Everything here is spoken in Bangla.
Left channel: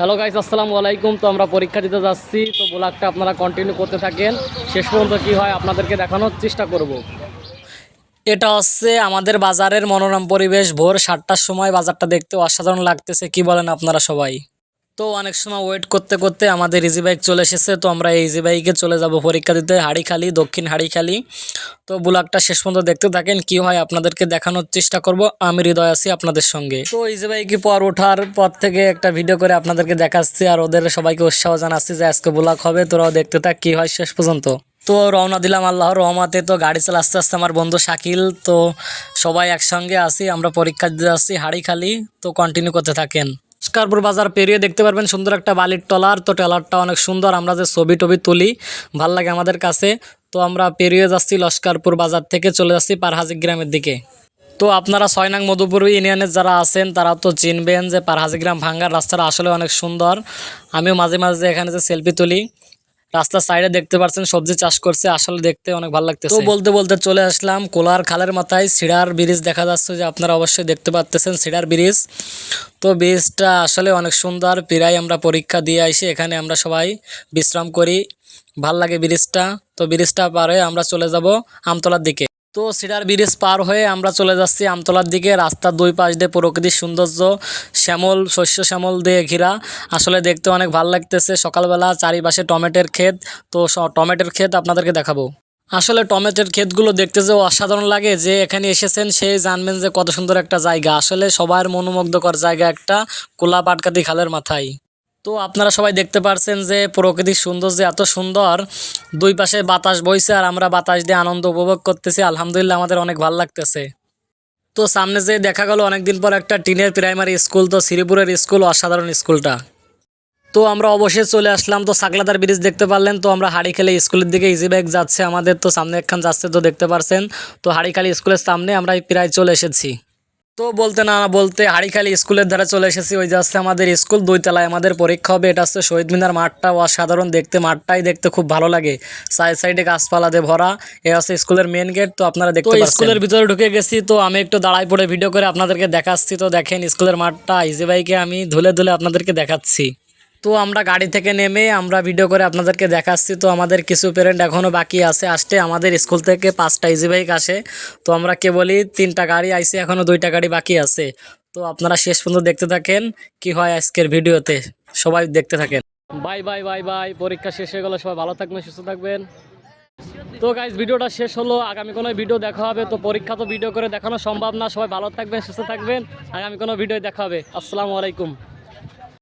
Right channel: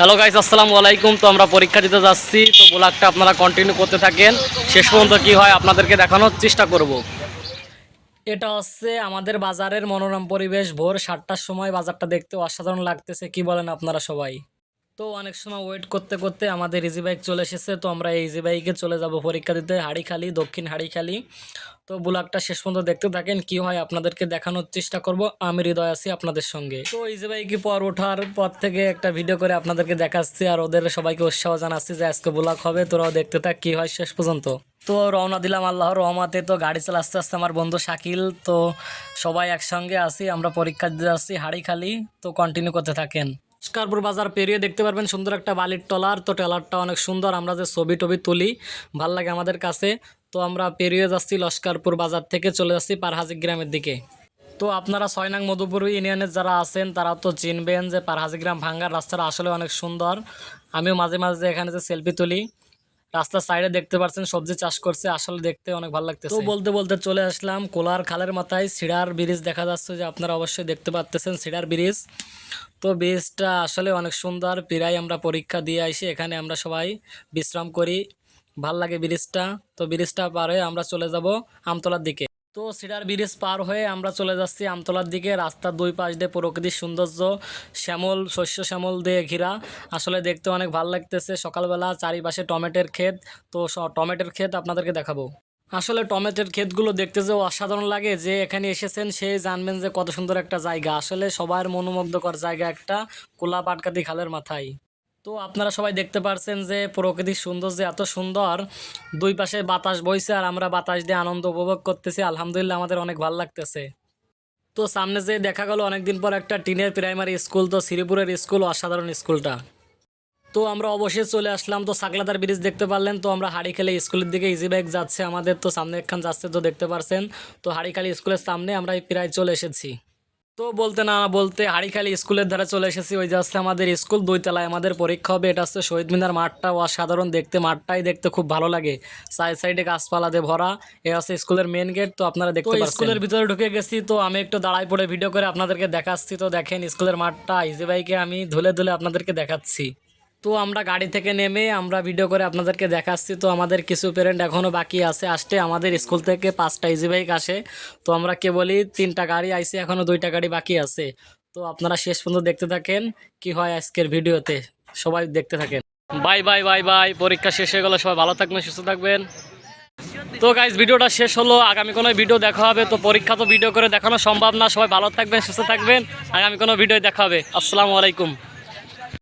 হ্যালো গাইস, আসসালামু আলাইকুম। তো আমরা পরীক্ষা দিতে যাচ্ছি, তো ব্লগটা আপনারা কন্টিনিউ করতে থাকেন, শেষ পর্যন্ত কি হয় আপনাদেরকে দেখানোর চেষ্টা করব। এটা হচ্ছে আমাদের বাজারের মনোরম পরিবেশ। ভোর 7টার সময় বাজারটা দেখতে অসাধারণ লাগতেছে, কি বলেন আপনারা সবাই? তো অনেক সময় ওয়েট করতে করতে আমাদের ইজি বাইক চলে এসেছে। তো আমরা এই ইজি বাইকে চলে যাব পরীক্ষা দিতে হাড়িখালি, দক্ষিণ হাড়িখালি। তো ব্লগটা শেষ পর্যন্ত দেখতে থাকেন, কি হয় আপনাদেরকে দেখানোর চেষ্টা করব। আমি হৃদয় আছি আপনাদের সঙ্গে। তো ইজি বাইকে পর ওঠার পর থেকে একটা ভিডিও করে আপনাদেরকে দেখাচ্ছি, আর ওদের সবাইকে উৎসাহ জানাচ্ছি যে আজকে ব্লগ হবে, তোরাও দেখতে থাক কি হয় শেষ পর্যন্ত। তো রওনা দিলাম আল্লাহর রহমতে। তো গাড়ি চালা আস্তে আস্তে আমার বন্ধু শাকিল, তো সবাই একসঙ্গে আসি, আমরা পরীক্ষা দিতে আসছি হাড়িখালি। তো কন্টিনিউ করতে থাকেন। লস্করপুর বাজার পেরিয়ে দেখতে পারবেন সুন্দর একটা বালির টলার। তো ট্রলারটা অনেক সুন্দর, আমরা যে ছবি টবি তুলি ভাল লাগে আমাদের কাছে। তো আমরা পেরিয়ে যাচ্ছি লস্করপুর বাজার থেকে, চলে যাচ্ছি পারহাজি গ্রামের দিকে। তো আপনারা 6 নং মধুপুর ইউনিয়নের যারা আছেন তারা তো চিনবেন যে পারহাজি গ্রাম ভাঙ্গার রাস্তাটা আসলে অনেক সুন্দর। আমিও মাঝে মাঝে এখানে যে সেলফি তুলি। রাস্তার সাইডে দেখতে পাচ্ছেন সবজি চাষ করছে, আসলে দেখতে অনেক ভালো লাগতেছে। তো বলতে বলতে চলে আসলাম কোলার খালের মাথায়। সিডার ব্রিজ দেখা যাচ্ছে, যে আপনারা অবশ্যই দেখতে পাচ্ছেন সিডার ব্রিজ। তো ব্রিজটা আসলে অনেক সুন্দর। প্রায় আমরা পরীক্ষা দিয়ে আসি, এখানে আমরা সবাই বিশ্রাম করি, ভাল লাগে ব্রিজটা। তো ব্রিজটা পার হয়ে আমরা চলে যাব আমতলার দিকে। তো সিডার ব্রিজ পার হয়ে আমরা চলে যাচ্ছি আমতলার দিকে। রাস্তার দুই পাশ দিয়ে প্রকৃতির সৌন্দর্য, শ্যামল শস্য শ্যামল দিয়ে ঘেরা, আসলে দেখতে অনেক ভালো লাগতেছে। সকালবেলা চারিপাশে টমেটোর ক্ষেত। তো টমেটোর ক্ষেত আপনাদেরকে দেখাবো। আসলে টমেটোর ক্ষেতগুলো দেখতে যে অসাধারণ লাগে, যে এখানে এসেছেন সেই জানবেন যে কত সুন্দর একটা জায়গা। আসলে সবার মনোমুগ্ধকর জায়গা একটা, কোলা পাটকাতি খালের মাথায়। তো আপনারা সবাই দেখতে পারছেন যে প্রকৃতির সৌন্দর্য এত সুন্দর, দুই পাশে বাতাস বইছে আর আমরা বাতাস দিয়ে আনন্দ উপভোগ করতেছি। আলহামদুলিল্লাহ, আমাদের অনেক ভালো লাগতেছে। তো সামনে যে দেখা গেল অনেকদিন পর একটা টিনের প্রাইমারি স্কুল, তো শ্রীপুরের স্কুল, অসাধারণ স্কুলটা। তো আমরা অবশ্যই চলে আসলাম। তো সাকলাদার ব্রিজ দেখতে পারলেন। তো আমরা হাড়িখালি স্কুলের দিকে ইজি বাইক যাচ্ছে আমাদের, তো সামনে একখান যাচ্ছে, তো দেখতে পারছেন। তো হাড়িখালি স্কুলের সামনে আমরা প্রায় চলে এসেছি। তো বলতে না বলতে হাড়িখালি স্কুলের ধারে চলে এসেছি। ওই যাচ্ছে আমাদের স্কুল, 2 তলায় আমাদের পরীক্ষা হবে। এটা হচ্ছে শহীদ মিনার মাঠটা, অসাধারণ দেখতে, মাঠটাই দেখতে খুব ভালো লাগে, সাইড সাইডে গাছপালা দিয়ে ভরা। এ হচ্ছে স্কুলের মেন গেট। তো আপনারা দেখতে পাচ্ছেন স্কুলের ভিতরে ঢুকে গেছি। তো আমি একটু দাঁড়াই পড়ে ভিডিও করে আপনাদেরকে দেখাচ্ছি। তো দেখেন স্কুলের মাঠটা, ইজি বাইকে আমি ধুলে ধুলে আপনাদেরকে দেখাচ্ছি। তো আমরা গাড়ি থেকে নেমে আমরা ভিডিও করে আপনাদেরকে দেখাচ্ছি। তো আমাদের কিছু পেরেন্ট এখনও বাকি আছে আসতে। আমাদের স্কুল থেকে 5টা ইজি বাইক আসে, তো আমরা কেবলই 3টা গাড়ি আইছি, এখনও 2টা গাড়ি বাকি আছে। তো আপনারা শেষ পর্যন্ত দেখতে থাকেন কি হয় আজকের ভিডিওতে, সবাই দেখতে থাকেন। বাই বাই বাই বাই, পরীক্ষা শেষ হয়ে গেল, সবাই ভালো থাকবেন, সুস্থ থাকবেন। তো গাইজ, ভিডিওটা শেষ হলো, আগামী কোনো ভিডিও দেখা হবে। তো পরীক্ষা তো ভিডিও করে দেখানো সম্ভব না, সবাই ভালো থাকবেন, সুস্থ থাকবেন, আগামী কোনো ভিডিও দেখা হবে। আসসালামু আলাইকুম।